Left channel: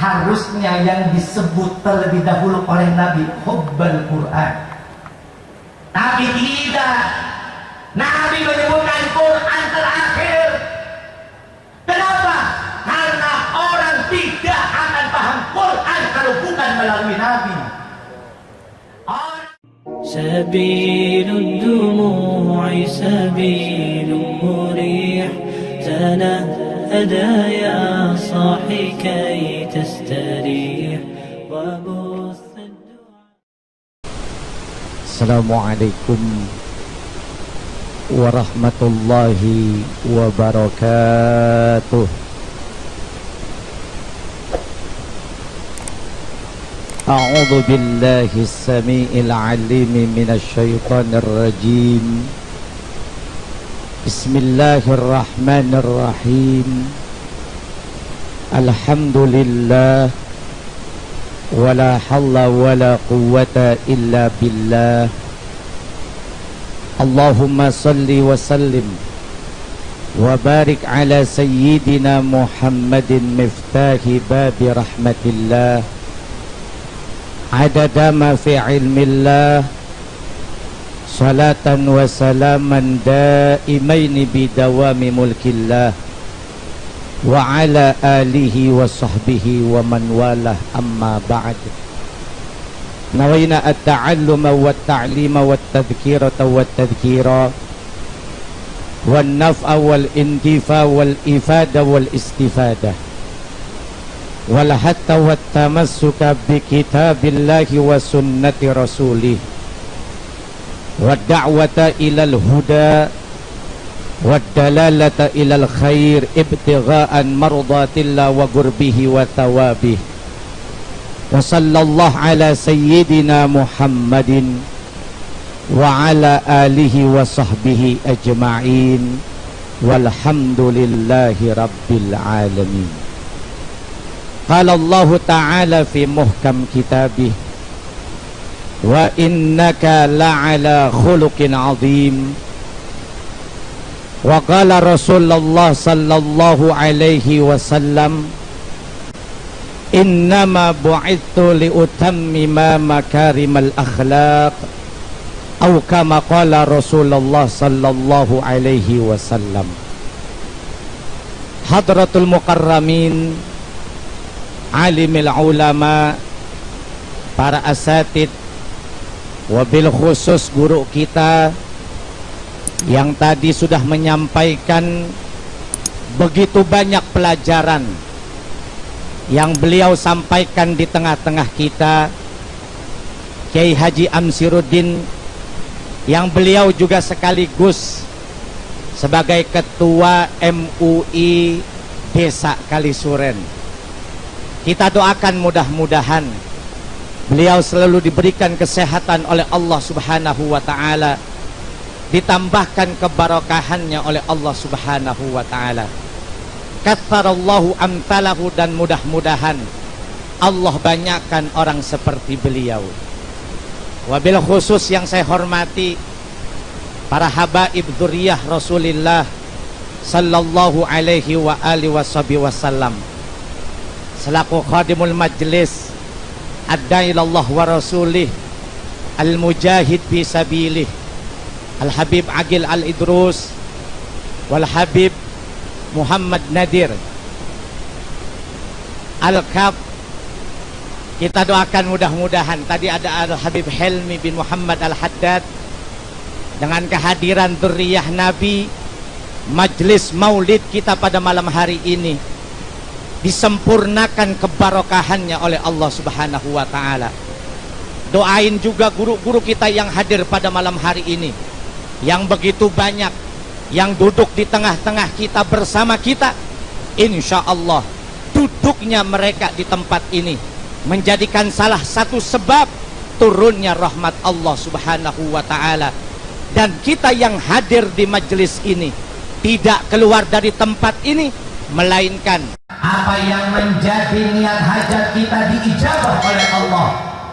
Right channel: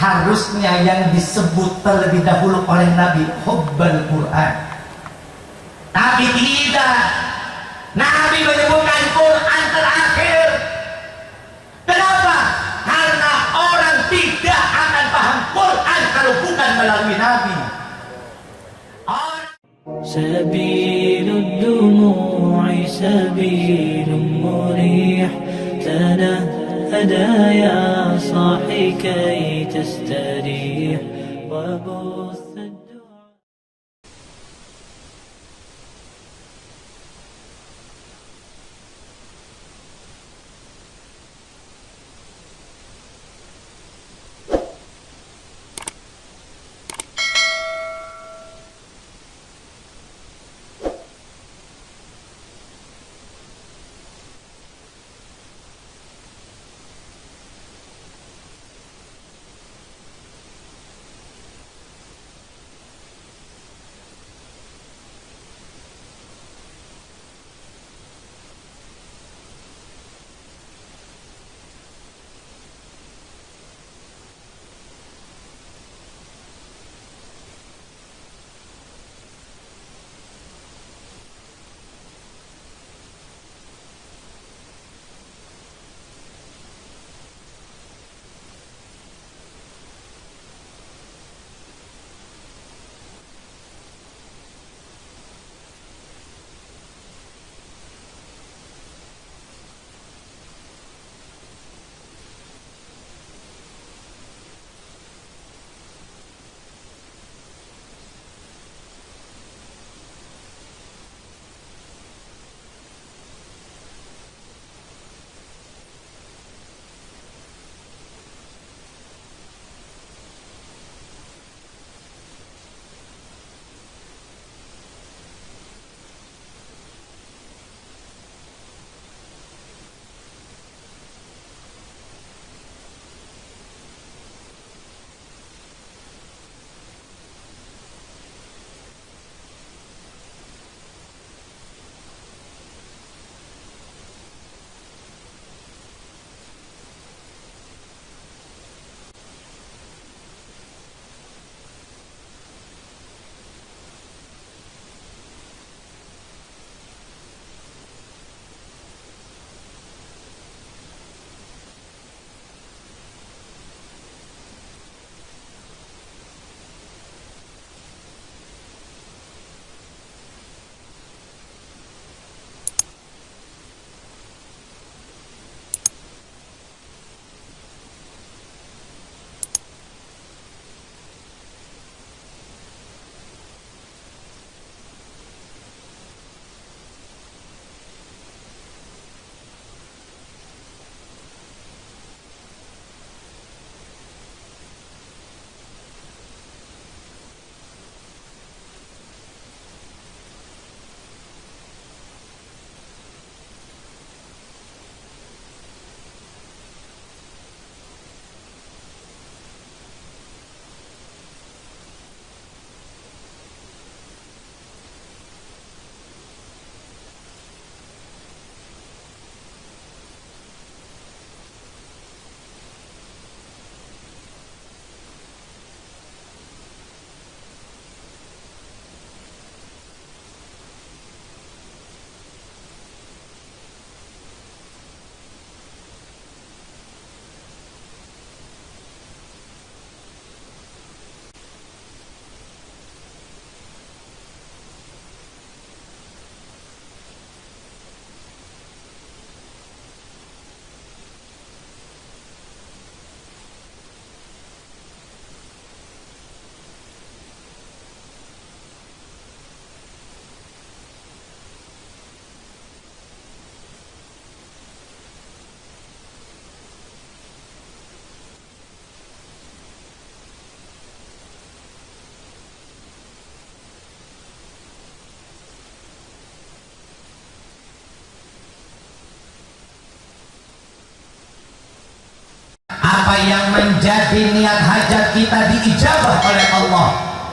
harusnya yang disebut terlebih dahulu oleh Nabi hubbal Quran. Tapi tidak. Nabi menyebutkan Quran terakhir. Kenapa? Karena orang tidak akan paham Quran kalau bukan melalui Nabi. سبيل الدموع سبيل مريح تنهدى يا صاحي كي تستريح وبث الدعاء. السلام عليكم ورحمة الله وبركاته. أعوذ بالله السميع العليم من الشيطان الرجيم. بسم الله الرحمن الرحيم. الحمد لله ولا حول ولا قوة إلا بالله. اللهم صل وسلم وبارك على سيدنا محمد مفتاح باب رحمة الله عدد ما في علم الله صلاة وسلاما دائمين بدوام ملك الله وعلى آله وصحبه ومن والاه. أما بعد، نوينا التعلم والتعليم والتذكيرة والتذكيرا والنفع والانتفاع والإفادة والاستفادة والحث والتمسك بكتاب الله وسنة رسوله والدعوة إلى الهدى والدلالة إلى الخير ابتغاء مرضات الله وقربه وثوابه. وصلى الله على سيدنا محمد وعلى آله وصحبه أجمعين والحمد لله رب العالمين. قال الله تعالى في محكم كتابه وإنك لعلى خلق عظيم. وقال رسول الله صلى الله عليه وسلم إنما بعثت لأتمم مكارم الأخلاق أو كما قال رسول الله صلى الله عليه وسلم. حضرة المكرمين, alimil ulama, para asatid, wabil khusus guru kita yang tadi sudah menyampaikan begitu banyak pelajaran yang beliau sampaikan di tengah-tengah kita, Kiai Haji Amsiruddin, yang beliau juga sekaligus sebagai ketua MUI Desa Kalisuren. Kita doakan mudah-mudahan beliau selalu diberikan kesehatan oleh Allah Subhanahu wa ta'ala, ditambahkan keberkahannya oleh Allah Subhanahu wa ta'ala. Katsarallahu amtalahu, dan mudah-mudahan Allah banyakkan orang seperti beliau. Wabil khusus yang saya hormati para habaib dzurriyyah Rasulillah sallallahu alaihi wa alihi wasallam, selaku khadimul majlis ad-da'i ilallah wa rasulih al-mujahid fi sabilih al-habib Agil al-Idrus wal-habib Muhammad Nadir al-Kaf. Kita doakan mudah-mudahan. Tadi ada al-habib Helmi bin Muhammad al-Haddad, dengan kehadiran dzurriyyah Nabi, majlis maulid kita pada malam hari ini disempurnakan kebarokahannya oleh Allah Subhanahu wa ta'ala. Doain juga guru-guru kita yang hadir pada malam hari ini, yang begitu banyak, yang duduk di tengah-tengah kita bersama kita. Insya Allah duduknya mereka di tempat ini menjadikan salah satu sebab turunnya rahmat Allah Subhanahu wa ta'ala. Dan kita yang hadir di majelis ini tidak keluar dari tempat ini melainkan apa yang menjadi niat hajat kita diijabah oleh Allah,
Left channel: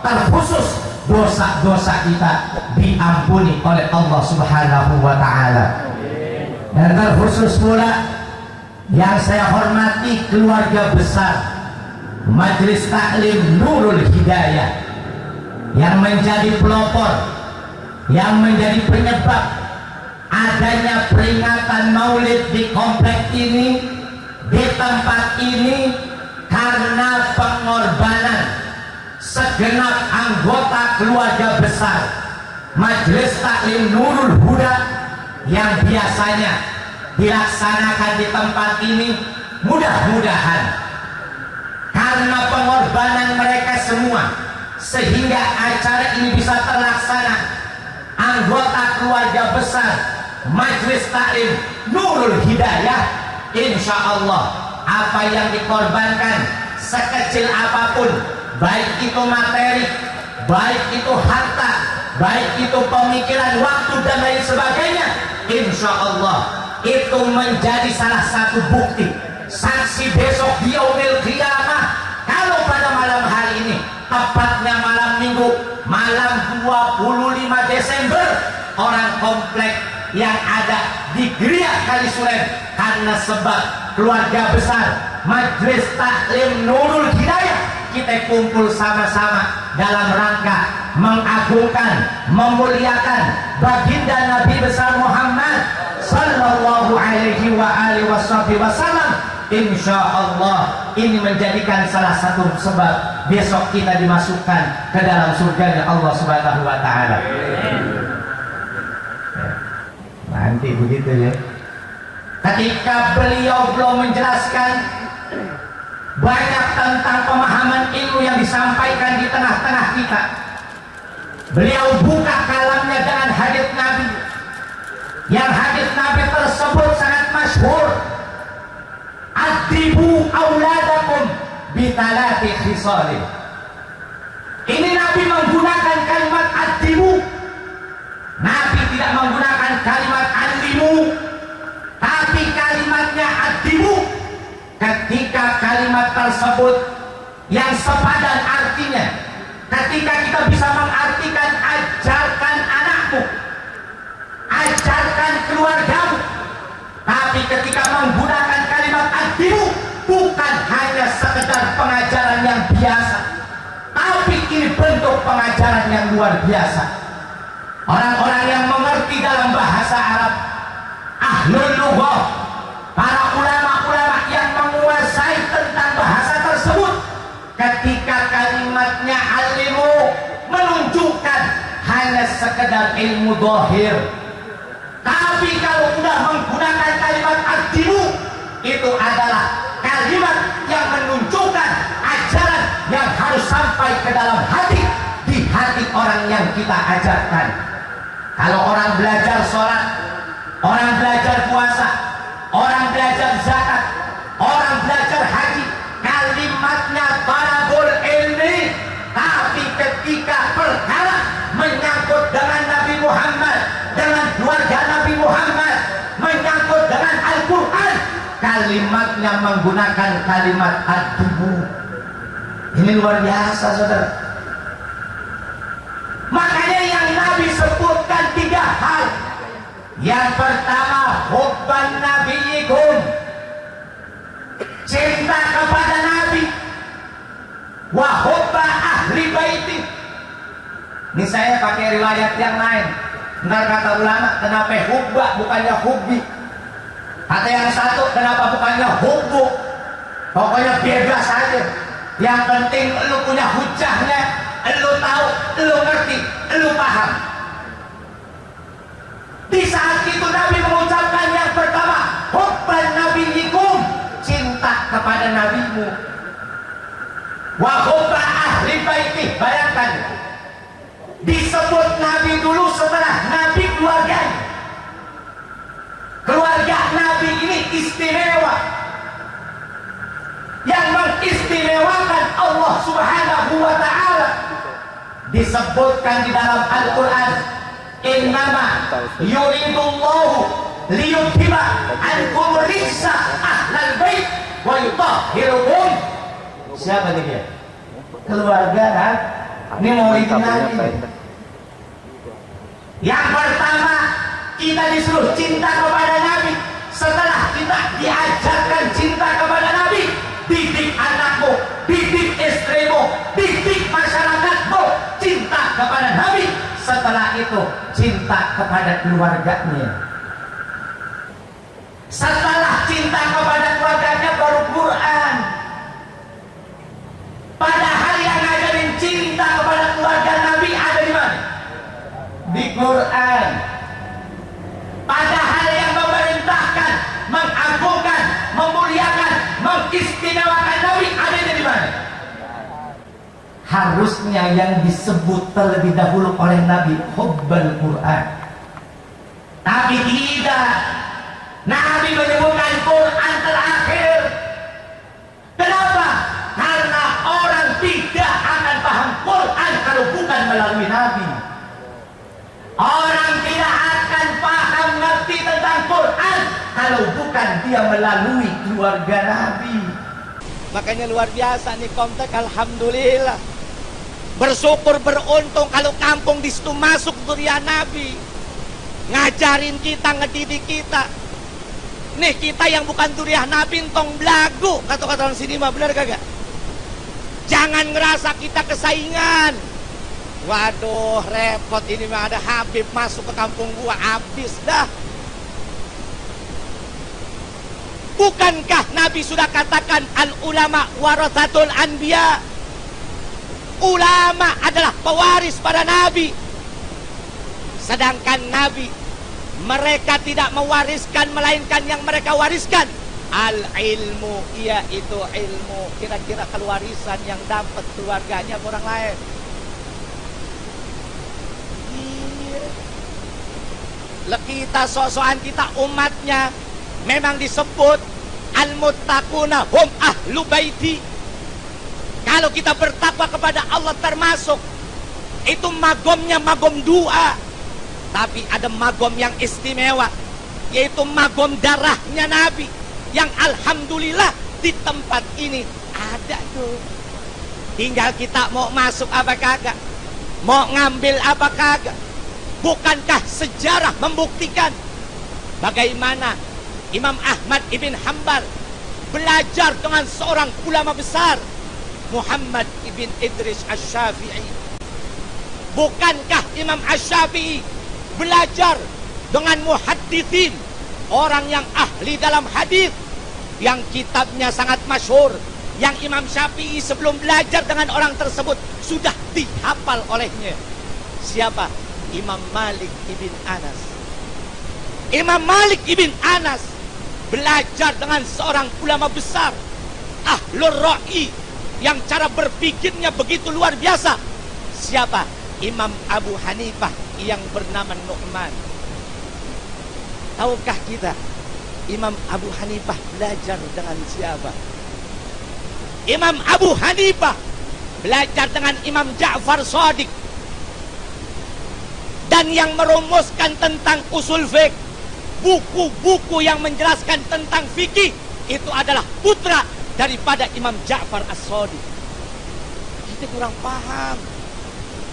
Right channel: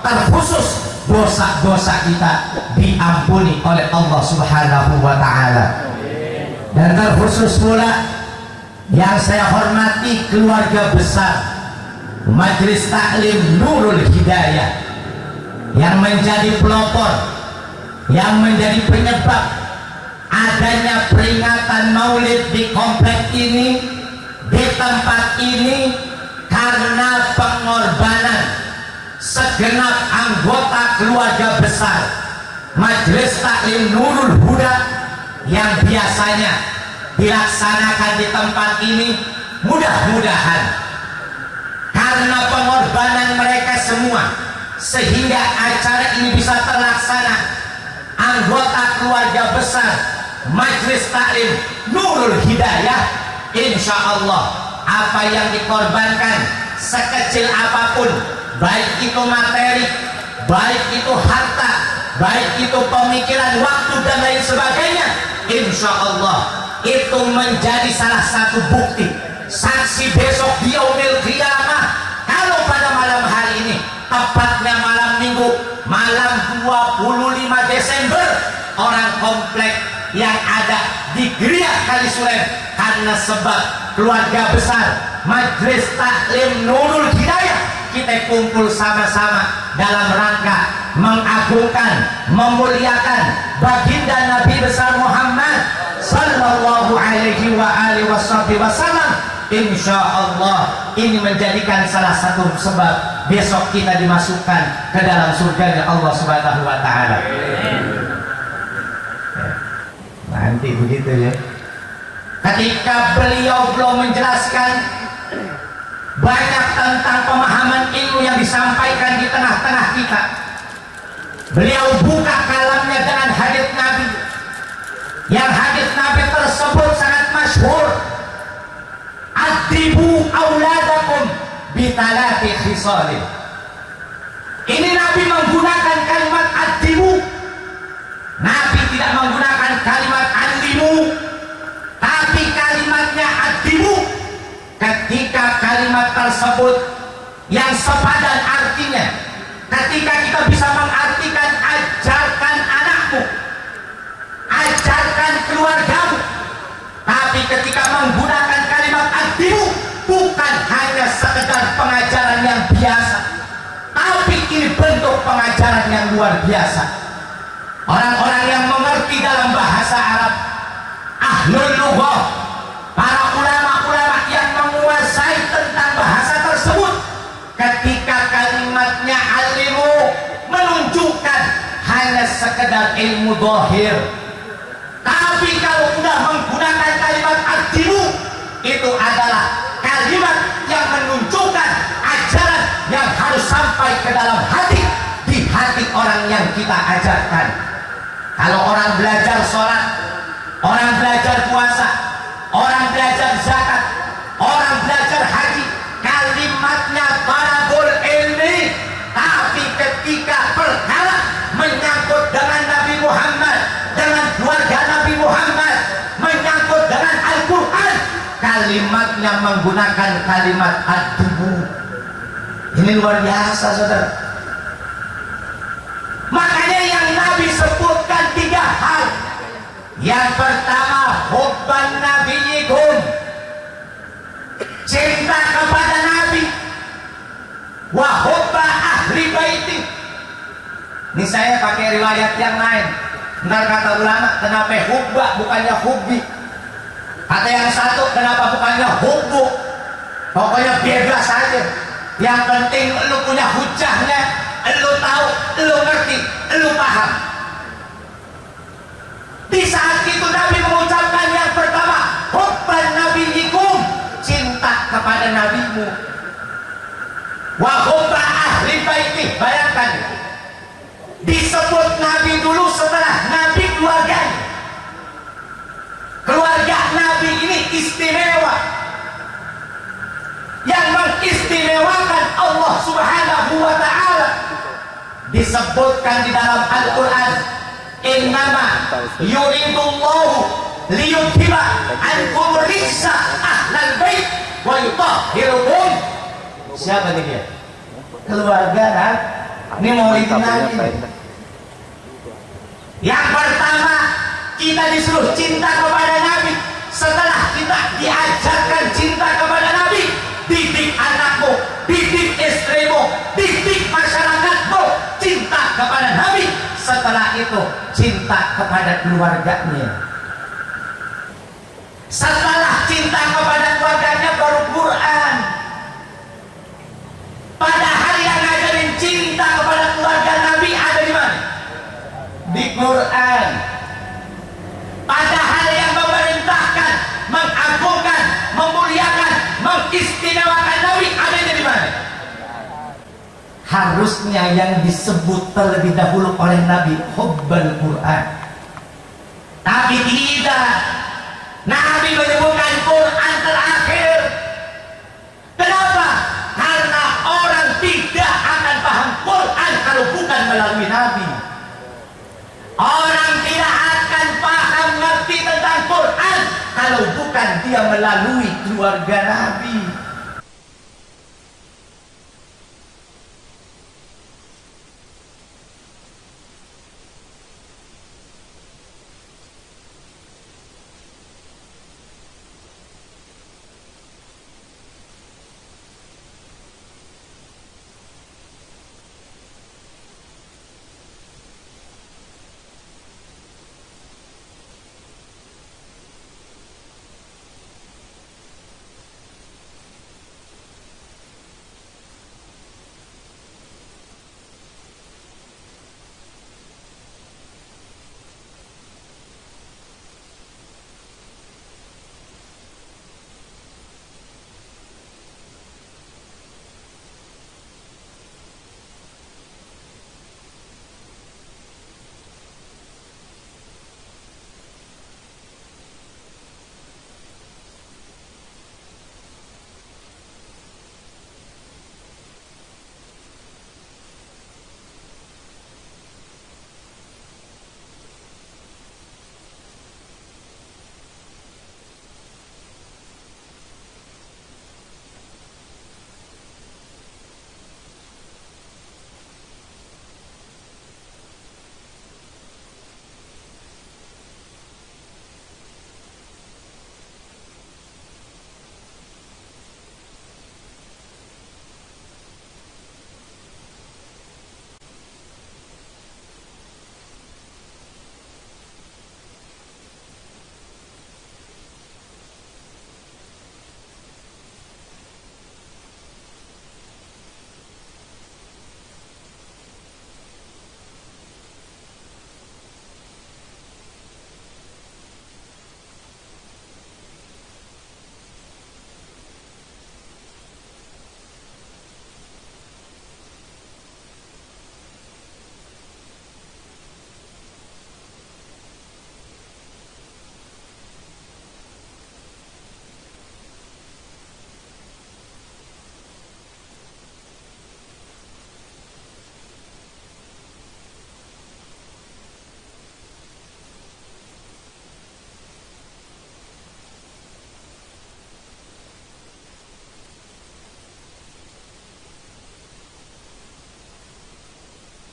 terkhusus dosa-dosa kita diampuni oleh Allah Subhanahu wa ta'ala. Dan terkhusus pula yang saya hormati keluarga besar Majelis Taklim Nurul Hidayah yang menjadi pelopor, yang menjadi penyebab adanya peringatan maulid di komplek ini, di tempat ini, karena pengorbanan segenap anggota keluarga besar Majelis Taklim Nurul Huda yang biasanya dilaksanakan di tempat ini. Mudah-mudahan karena pengorbanan mereka semua sehingga acara ini bisa terlaksana. Anggota keluarga besar Majelis Taklim Nurul Hidayah, insya Allah apa yang dikorbankan sekecil apapun, baik itu materi, baik itu harta, baik itu pemikiran, waktu dan lain sebagainya, insya Allah itu menjadi salah satu bukti saksi besok di yaumil qiyamah. Kalau pada malam hari ini, tepatnya malam minggu, malam 25 Desember, orang komplek yang ada di Geria Kalisuren karena sebab keluarga besar Majelis Taklim Nurul Hidayah, kita kumpul sama-sama dalam rangka mengagungkan, memuliakan baginda Nabi besar Muhammad sallallahu alaihi wa alihi wasallam. Insya Allah ini menjadikan salah satu sebab besok kita dimasukkan ke dalam surga Allah Subhanahu wa Ta'ala. Nanti begitu ya. Ketika beliau belum menjelaskan banyak tentang pemahaman ilmu yang disampaikan di tengah-tengah kita, beliau buka kalamnya dengan hadits Nabi, yang hadits Nabi tersebut sangat masyhur. Adibu auladakum bitalati khisalin. Ini Nabi menggunakan kalimat adibu. Nabi tidak menggunakan kalimat alimu, tapi kalimatnya adibu. Ketika kalimat tersebut yang sepadan artinya, ketika kita bisa mengartikan ajarkan anakmu, ajarkan keluargamu. Tapi ketika menggunakan kalimat adibu, bukan hanya sekedar pengajaran yang biasa, tapi ini bentuk pengajaran yang luar biasa. Orang-orang yang mengerti dalam bahasa Arab, ahlul lughah, para ulama-ulama yang menguasai tentang bahasa tersebut, ketika kalimatnya alimu menunjukkan hanya sekedar ilmu zahir. Tapi kalau sudah menggunakan kalimat adibu, itu adalah kalimat yang menunjukkan ajaran yang harus sampai ke dalam hati, di hati orang yang kita ajarkan. Kalau orang belajar sholat, orang belajar puasa, orang belajar zakat, orang belajar haji, kalimatnya talabul ilmi. Tapi ketika perkara menyangkut dengan Nabi Muhammad, dengan keluarga Nabi Muhammad, menyangkut dengan Al-Quran, kalimatnya menggunakan kalimat adibu. Ini luar biasa, saudara. Makanya yang Nabi sebutkan 3 hal. Yang pertama, hubban nabiyyikum, cinta kepada Nabi, wa hubba ahli baiti. Ini saya pakai riwayat yang lain. Ntar kata ulama, kenapa hubba bukannya hubbi? Kata yang satu, kenapa bukannya hubbu? Pokoknya bebas saja. Yang penting lu punya hujahnya, lu tahu, lu ngerti, lu paham. Di saat itu Nabi mengucapkan yang pertama, hubban nabiyyikum, cinta kepada nabimu, wa hubba ahli baiti. Bayangkan, disebut Nabi dulu setelah Nabi keluarganya. Keluarga Nabi ini istimewa, yang mengistimewakan Allah Subhanahu wa Ta'ala. Disebutkan di dalam Al-Quran, innama yuridullahu liyudhiba ankum rijsa ahlal bait wa yutahhirukum. Siapa nih dia? Keluarga kan? Ini mau Nabi. Yang pertama, kita disuruh cinta kepada Nabi. Setelah kita diajarkan cinta kepada Nabi, didik anakmu didik istrimu, didik masyarakatmu cinta kepada Nabi. Setelah itu cinta kepada keluarganya. Setelah cinta kepada keluarganya baru Quran. Padahal yang ngajarin cinta kepada keluarga Nabi ada di mana? Di Quran. Padahal yang memerintahkan, mengagungkan, memuliakan, mengistimewakan Nabi ada di mana? Harusnya yang disebut terlebih dahulu oleh Nabi hubbul Quran. Tapi tidak. Nabi menyebutkan Quran terakhir. Kenapa? Karena orang tidak akan paham Quran kalau bukan melalui Nabi. Orang tidak akan paham ngerti tentang Quran kalau bukan dia melalui keluarga Nabi. Makanya luar biasa nih kontak, alhamdulillah. Bersyukur, beruntung kalau kampung di situ masuk durian Nabi. Ngajarin kita, ngedidik kita. Nih kita yang bukan durian Nabi entong belagu, kata-kata orang sini mah, benar kagak? Jangan ngerasa kita kesaingan. Waduh, repot ini mah ada Habib masuk ke kampung gua, habis dah. Bukankah Nabi sudah katakan al ulama warathatul anbiya? Ulama adalah pewaris pada Nabi. Sedangkan Nabi, mereka tidak mewariskan, melainkan yang mereka wariskan al ilmu, yaitu ilmu. Kira-kira kewarisan yang dapat keluarganya orang lain. Kita sok-sokan kita umatnya memang disebut al-muttaquna hum ahlu baiti. Kalau kita bertakwa kepada Allah termasuk itu magomnya magom dua. Tapi ada magom yang istimewa, yaitu magom darahnya Nabi, yang alhamdulillah di tempat ini ada tuh. Tinggal kita mau masuk apa kagak, mau ngambil apa kagak. Bukankah sejarah membuktikan bagaimana Imam Ahmad ibn Hanbal belajar dengan seorang ulama besar, Muhammad ibn Idris Asy-Syafi'i? Bukankah Imam Asy-Syafi'i belajar dengan muhadditsin, orang yang ahli dalam hadis, yang kitabnya sangat masyhur, yang Imam Syafi'i sebelum belajar dengan orang tersebut sudah dihafal olehnya? Siapa? Imam Malik ibn Anas. Imam Malik ibn Anas belajar dengan seorang ulama besar, ahlur ra'i, yang cara berpikirnya begitu luar biasa. Siapa? Imam Abu Hanifah yang bernama Nu'man. Tahukah kita Imam Abu Hanifah belajar dengan siapa? Imam Abu Hanifah belajar dengan Imam Ja'far Shadiq. Dan yang merumuskan tentang usul fiqh, buku-buku yang menjelaskan tentang fikih, itu adalah putra daripada Imam Ja'far As-Shadiq. Kita kurang paham,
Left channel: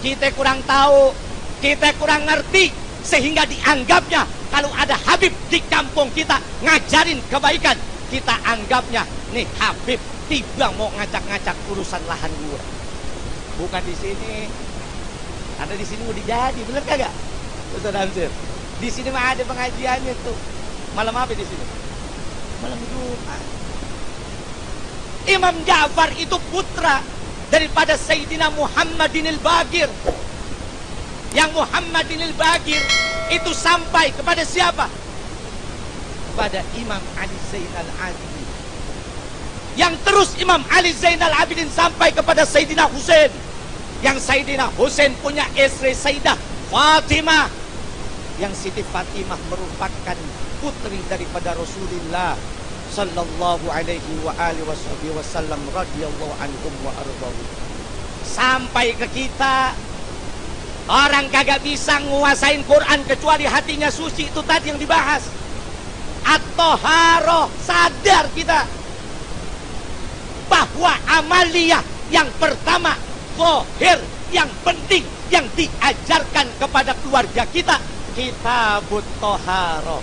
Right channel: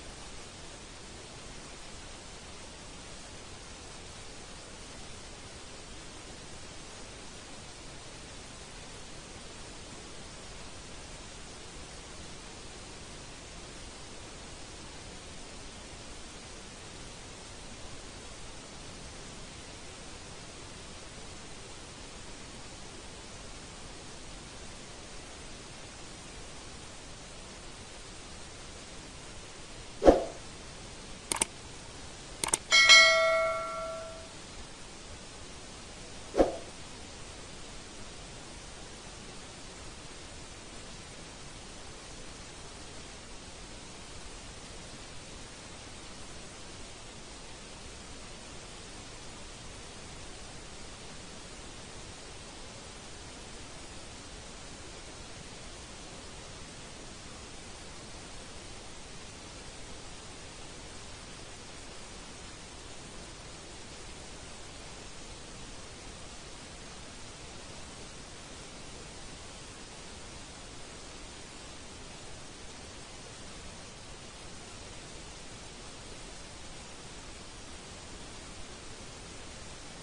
kita kurang tahu, kita kurang ngerti, sehingga dianggapnya kalau ada Habib di kampung kita ngajarin kebaikan, kita anggapnya nih Habib tiba mau ngacak-ngacak urusan lahan gua. Bukan di sini. Ada di sini mau dijadi, bener kagak? Ustaz Hamzir. Di sini mah ada pengajiannya tuh. Malam apa di sini? Malam Jumat. Imam Ja'far itu putra daripada Sayyidina Muhammadinil Bagir. Yang Muhammadinil Bagir itu sampai kepada siapa? Kepada Imam Ali Zainal Abidin. Yang terus Imam Ali Zainal Abidin sampai kepada Sayyidina Husain. Yang Sayyidina Husain punya istri Sayyidah Fatimah. Yang Siti Fatimah merupakan putri daripada Rasulullah sallallahu alaihi wa alihi wasallam radhiyallahu anhum wa ardhahum. Sampai ke kita, orang kagak bisa nguasain Quran kecuali hatinya suci. Itu tadi yang dibahas, at-thaharah. Sadar kita bahwa amaliyah yang pertama, zahir, yang penting, yang diajarkan kepada keluarga kita, kitabut thaharah,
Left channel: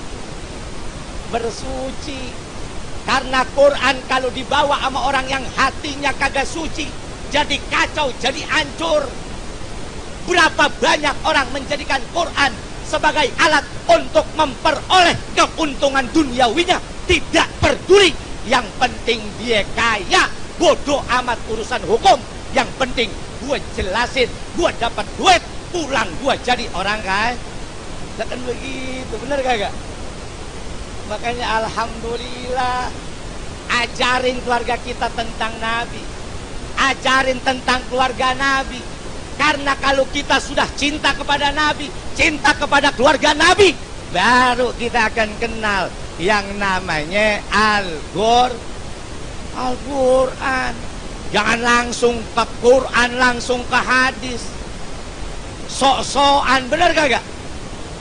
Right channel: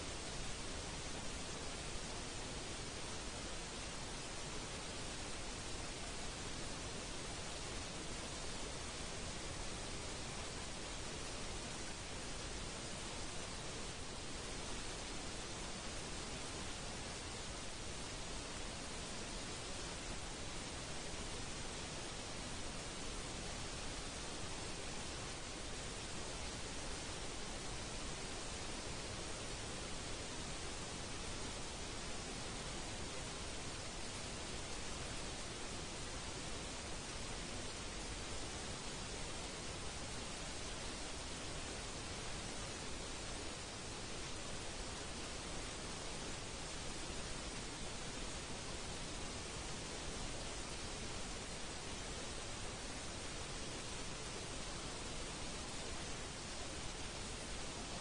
bersuci. Karena Quran kalau dibawa sama orang yang hatinya kagak suci, jadi kacau, jadi hancur. Berapa banyak orang menjadikan Quran sebagai alat untuk memperoleh keuntungan duniawinya, tidak peduli. Yang penting dia kaya, bodoh amat urusan hukum. Yang penting gue jelasin, gue dapat duit, pulang gue jadi orang kaya. Kan begitu, bener kagak? Makanya alhamdulillah, ajarin keluarga kita tentang Nabi, ajarin tentang keluarga Nabi. Karena kalau kita sudah cinta kepada Nabi, cinta kepada keluarga Nabi, baru kita akan kenal yang namanya Al-Quran. Jangan langsung ke Quran, langsung ke hadis. Sok-sokan, bener kagak?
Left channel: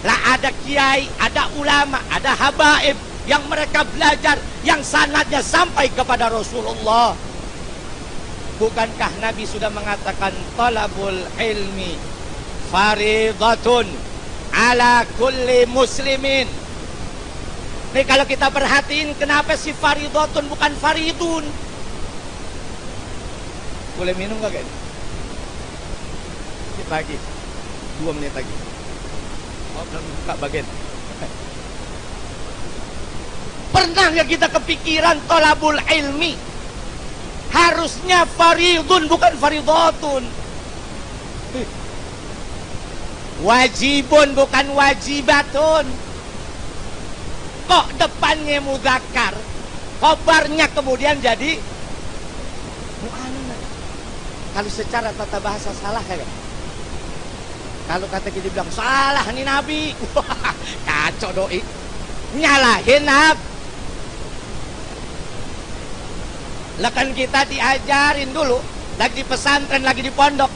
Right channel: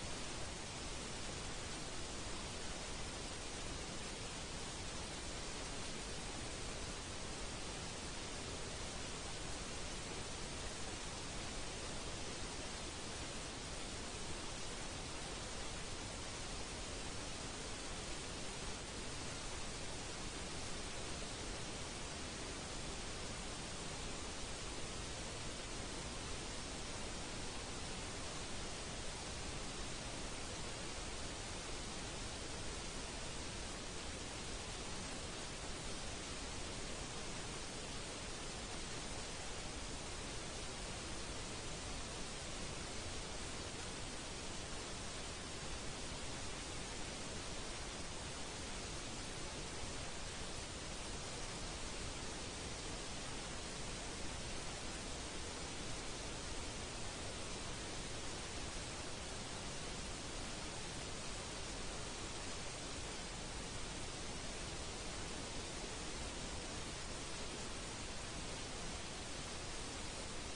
Lah ada kiai, ada ulama, ada habaib yang mereka belajar, yang sanadnya sampai kepada Rasulullah. Bukankah Nabi sudah mengatakan talabul ilmi faridatun ala kulli muslimin. Nih kalau kita perhatiin, kenapa si faridatun bukan faridun? Boleh minum gak ini? Sedikit lagi, 2 menit lagi. Oh, belum buka bagian. Pernah nggak kita kepikiran tolabul ilmi harusnya faridun bukan faridatun? Wajibun bukan wajibatun. Kok depannya mudzakkar, khobarnya kemudian jadi mu'annas? Kalau secara tata bahasa salah ya? Kalau kata kita bilang salah nih Nabi, wah kacau doi, nyalahin Nabi. Lah kan kita diajarin dulu, lagi di pesantren, lagi di pondok,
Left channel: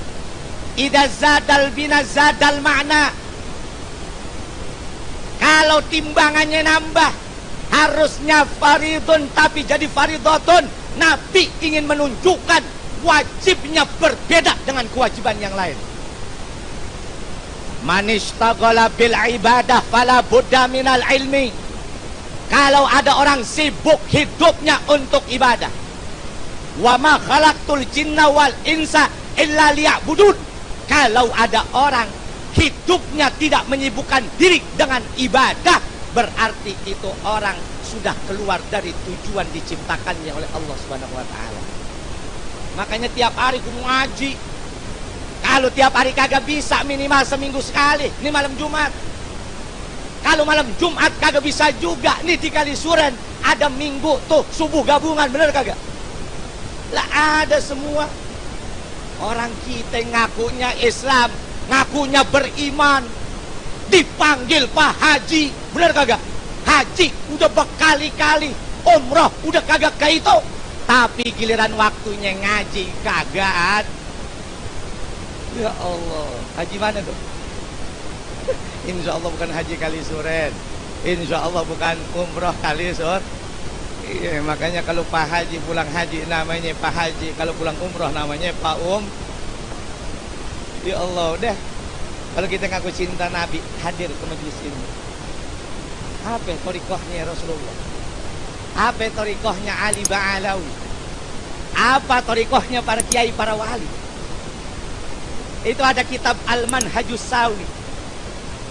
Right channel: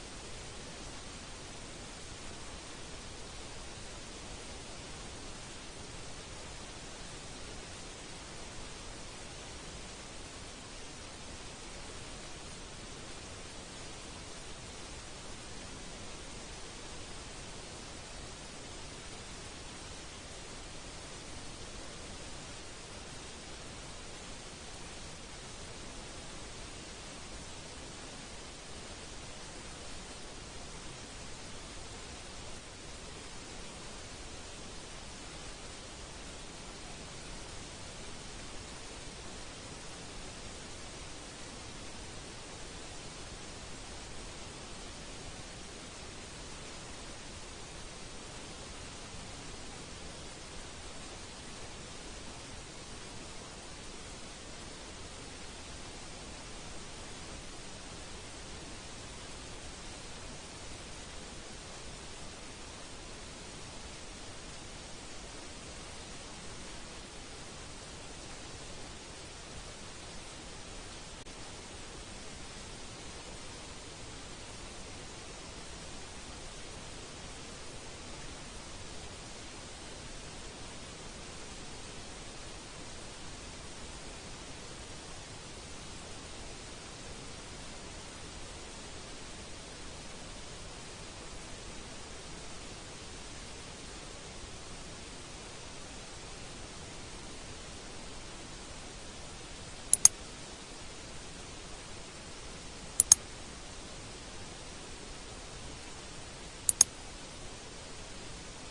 idza zadal bina zadal makna. Kalau timbangannya nambah, harusnya faridun tapi jadi faridatun. Nabi ingin menunjukkan wajibnya berbeda dengan kewajiban yang lain. Man ishtaghala bil ibadah fala budda minal ilmi. Kalau ada orang sibuk hidupnya untuk ibadah, wa ma khalaqtul jinna wal insa illa liya'budun. Kalau ada orang hidupnya tidak menyibukkan diri dengan ibadah, berarti itu orang sudah keluar dari tujuan diciptakannya oleh Allah Subhanahu wa taala. Makanya tiap hari kudu ngaji. Kalau tiap hari kagak bisa, minimal seminggu sekali. Ini malam Jumat. Kalau malam Jumat kagak bisa juga, nih di Kalisuren ada minggu tuh subuh gabungan, bener kagak? Lah ada semua. Orang kita ngakunya Islam, ngakunya beriman, dipanggil Pak Haji, bener kagak? Haji udah berkali-kali, umroh udah kagak ke itu, tapi giliran waktunya ngaji kagak ada. Ya Allah, haji mana tuh? Insya Allah bukan haji Kalisuren, insya Allah bukan umroh Kalisur. Iya, makanya kalau Pak Haji pulang haji namanya Pak Haji, kalau pulang umroh namanya Pak Ya Allah, deh. Kalau kita ngaku cinta Nabi, hadir ke majelis ini. Apa thariqahnya Rasulullah? Apa thariqahnya Ali Ba'alawi? Apa thariqahnya para kiai, para wali? Itu ada kitab Al-Manhajus Sawi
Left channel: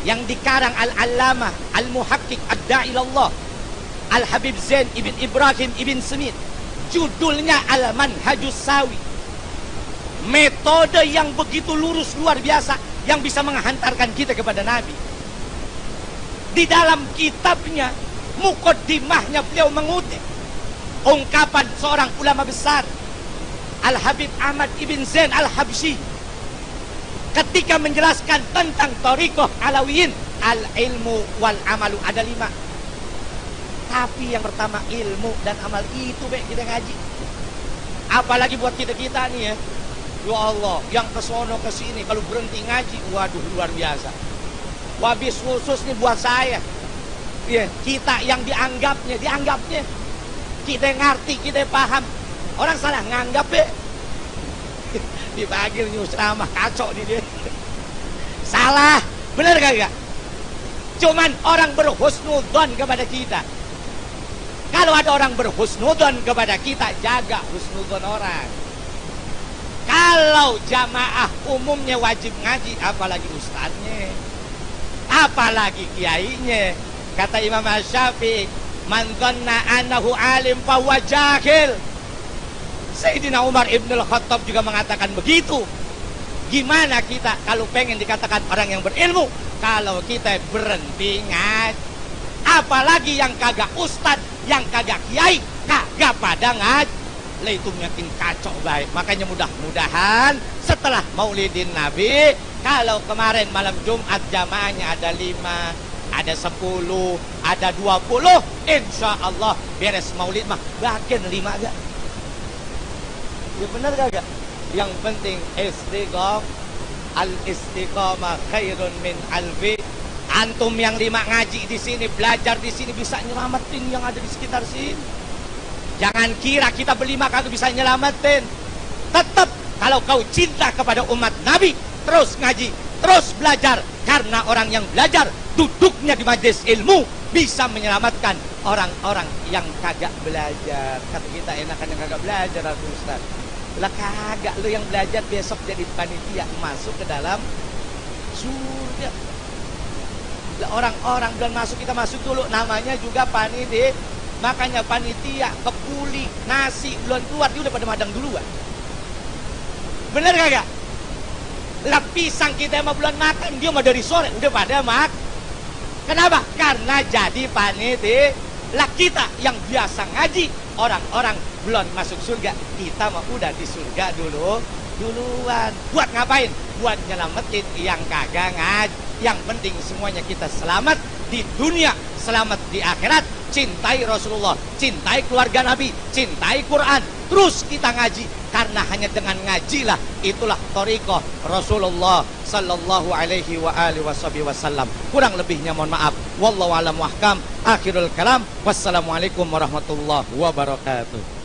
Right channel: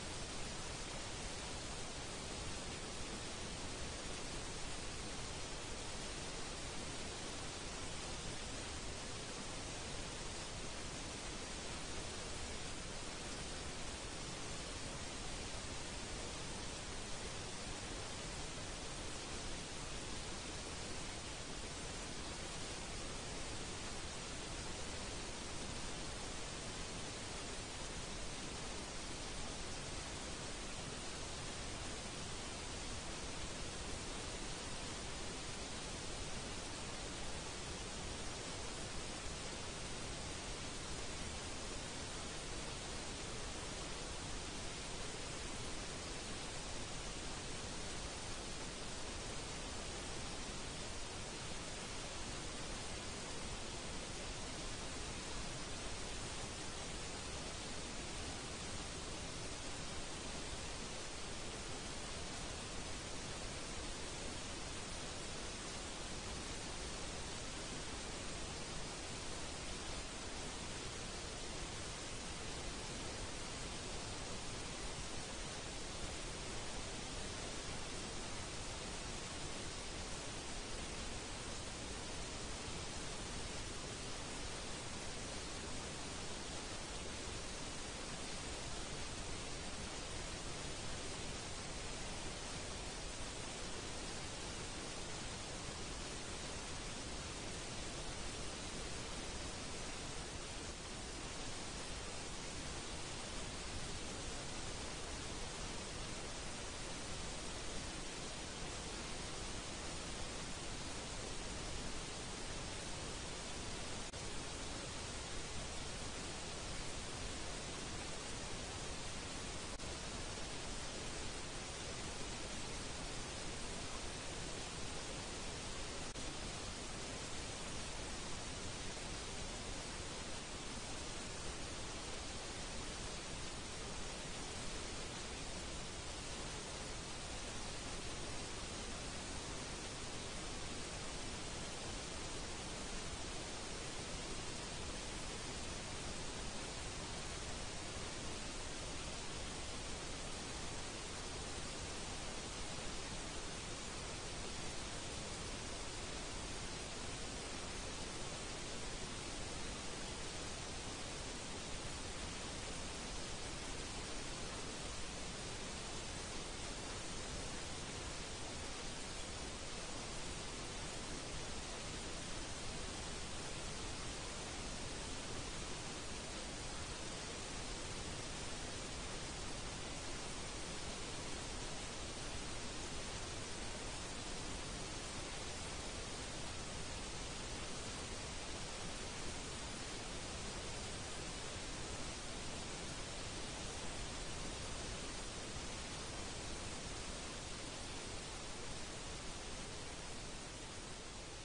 yang dikarang Al-Allamah Al-Muhaqqiq Ad-Da'ilallah Al-Habib Zain Ibn Ibrahim Ibn Semit. Judulnya Al-Manhajus Sawi. Metode yang begitu lurus, luar biasa, yang bisa menghantarkan kita kepada Nabi. Di dalam kitabnya, muqaddimahnya, beliau mengutip ungkapan seorang ulama besar, Al-Habib Ahmad Ibn Zain Al-Habsyi, ketika menjelaskan tentang thariqah Alawiyin. Al-ilmu wal amalu, ada 5. Tapi yang pertama ilmu dan amal, itu baik kita ngaji. Apalagi buat kita-kita nih ya. Ya Allah, yang kesono ke sini kalau berhenti ngaji, waduh luar biasa. Wabis khusus nih buat saya. Ya, kita yang dianggapnya. Kita ngerti, kita paham. Orang salah nganggap ya. Dipanggil nyusramah, kacau di dia. Salah, bener gak? Cuman orang berhusnudzon kepada kita. Kalau ada orang berhusnudon kepada kita, jaga husnudon orang. Kalau jamaah umumnya wajib ngaji, apalagi ustadznya, apalagi kiainya. Kata Imam Syafi'i, man dhanna annahu alim fahuwa jahil. Sayyidina Umar Ibn Al-Khattab juga mengatakan begitu. Gimana kita kalau pengen dikatakan orang yang berilmu, kalau kita berhenti ngaji? Apalagi yang kagak ustad, yang kagak kiai, kagak pada ngaji. Lah itu makin kacau baik. Makanya mudah-mudahan setelah Maulidin Nabi, kalau kemarin malam Jumat jamaahnya ada 5, ada 10, ada 20, insya Allah beres Maulid mah bagian 5 agak. Ya benar kagak? Yang penting al-istiqamah khairun min alfi. Antum yang 5 ngaji di sini, belajar di sini, bisa nyelamatin yang ada di sekitar sini. Jangan kira kita berlima kagak bisa nyelamatin. Tetap kalau kau cinta kepada umat Nabi, terus ngaji, terus belajar. Karena orang yang belajar, duduknya di majelis ilmu, bisa menyelamatkan orang-orang yang kagak belajar. Kata kita enakan yang kagak belajar, aku Ustaz. Lah kagak, lu yang belajar besok jadi panitia masuk ke dalam surga. Lah orang-orang dan masuk, kita masuk dulu, namanya juga panitia. Makanya panitia, kepuli, nasi belum keluar, dia udah pada madang duluan. Bener kagak? Lah pisang kita mah belum makan, dia mah dari sore udah pada mak. Kenapa? Karena jadi panitia. Lah kita yang biasa ngaji, orang-orang belum masuk surga, kita mah udah di surga duluan. Buat ngapain? Buat nyelamatin yang kagak ngaji. Yang penting semuanya kita selamat di dunia, selamat di akhirat. Cintai Rasulullah, cintai keluarga Nabi, cintai Quran. Terus kita ngaji, karena hanya dengan ngajilah itulah thariqah Rasulullah sallallahu alaihi wa alihi wasallam. Kurang lebihnya mohon maaf. Wallahu a'lam wa ahkam. Akhirul kalam. Wassalamualaikum warahmatullahi wabarakatuh.